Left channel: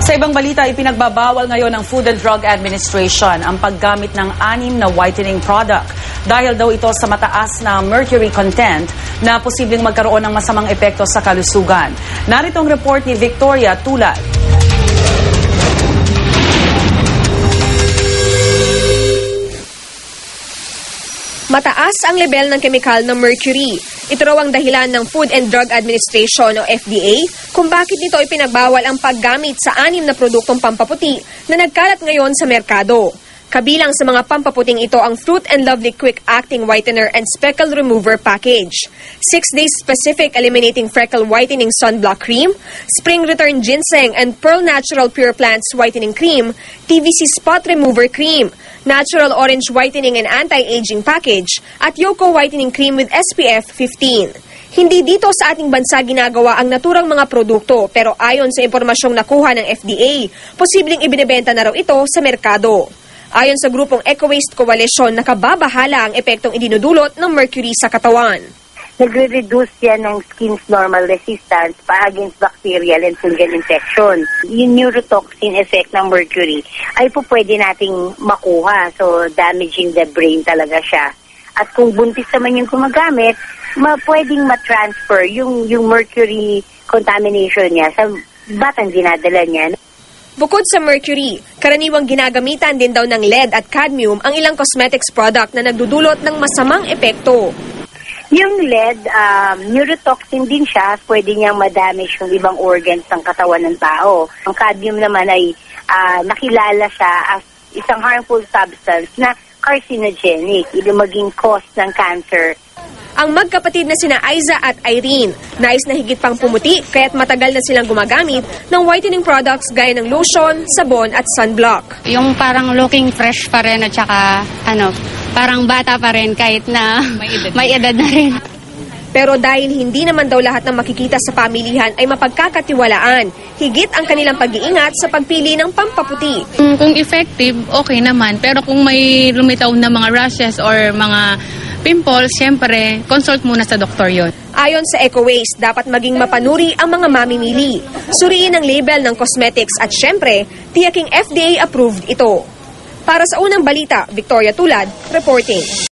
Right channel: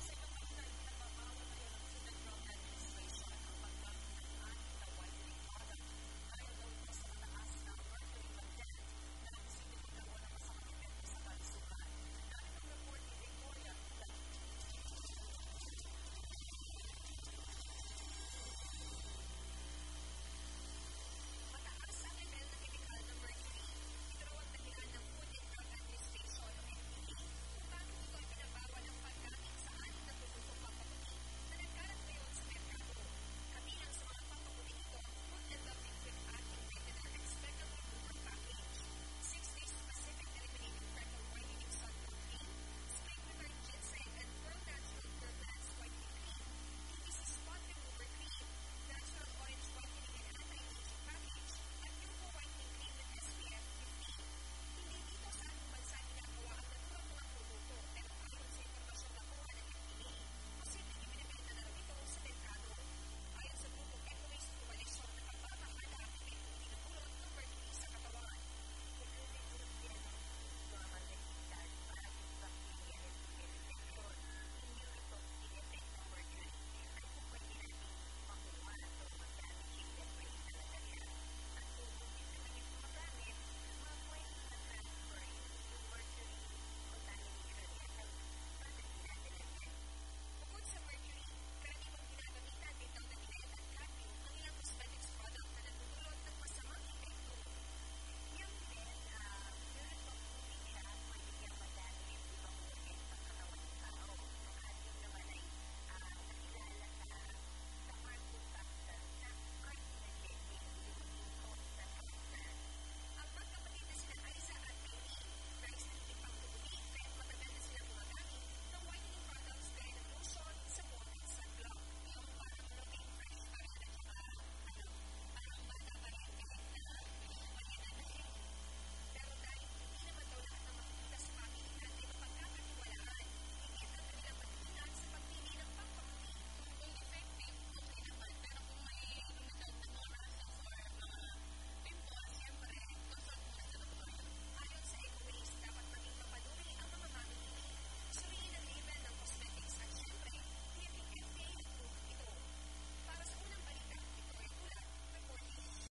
Sa ibang balita, ipinagbabawal ngayon ng Food and Drug Administration ang paggamit ng 6 na whitening product dahil daw ito sa mataas na mercury content na posibleng magkaroon ng masamang epekto sa kalusugan. Narito ang report ni Victoria Tulad. Mataas ang level ng kemikal na mercury. Ito raw ang dahilan ng Food and Drug Administration o FDA kung bakit nito ipinagbawal ang paggamit sa 6 na produktong pampaputi na nagkalat ngayon sa merkado. Kabilang sa mga pampaputing ito ang Fruit and Lovely Quick Acting Whitener and Speckle Remover Package, 6 Days Specific Eliminating Freckle Whitening Sunblock Cream, Spring Return Ginseng and Pearl Natural Pure Plants Whitening Cream, TVC Spot Remover Cream, Natural Orange Whitening and Anti-Aging Package, at Yoko Whitening Cream with SPF 15. Hindi dito sa ating bansa ginagawa ang naturang mga produkto pero ayon sa impormasyong nakuha ng FDA, posibleng ibinebenta na raw ito sa merkado. Ayon sa grupong Eco-Waste Coalition, nakababahala ang epektong idinudulot ng mercury sa katawan. Nagre-reduce yan ng skin's normal resistance against bacterial and fungal infection. Yung neurotoxin effect ng mercury ay po pwede nating makuha. So, damaging the brain talaga siya. At kung buntis naman yung gumagamit, pwedeng ma-transfer yung mercury contamination niya sa batang dinadala niya. Bukod sa mercury, karaniwang ginagamitan din daw ng lead at cadmium ang ilang cosmetics product na nagdudulot ng masamang epekto. Yung lead, neurotoxin din siya, pwede niyang madamage yung ibang organs ng katawan ng tao. Ang cadmium naman ay nakilala siya as isang harmful substance na carcinogenic, ito maging cause ng cancer. Ang magkapatid na sina Aiza at Irene, nais na higit pang pumuti kaya't matagal na silang gumagamit ng whitening products gaya ng lotion, sabon at sunblock. Yung parang looking fresh pa rin at saka parang bata pa rin kahit na may edad na rin. Pero dahil hindi naman daw lahat ng makikita sa pamilihan ay mapagkakatiwalaan, higit ang kanilang pag-iingat sa pagpili ng pampaputi. Kung effective, okay naman. Pero kung may lumitaw na mga rashes or mga pimples, siyempre, consult muna sa doktor yon. Ayon sa Eco-Waste, dapat maging mapanuri ang mga mamimili. Suriin ang label ng cosmetics at siyempre, tiyaking FDA-approved ito. Para sa unang balita, Victoria Tulad, reporting.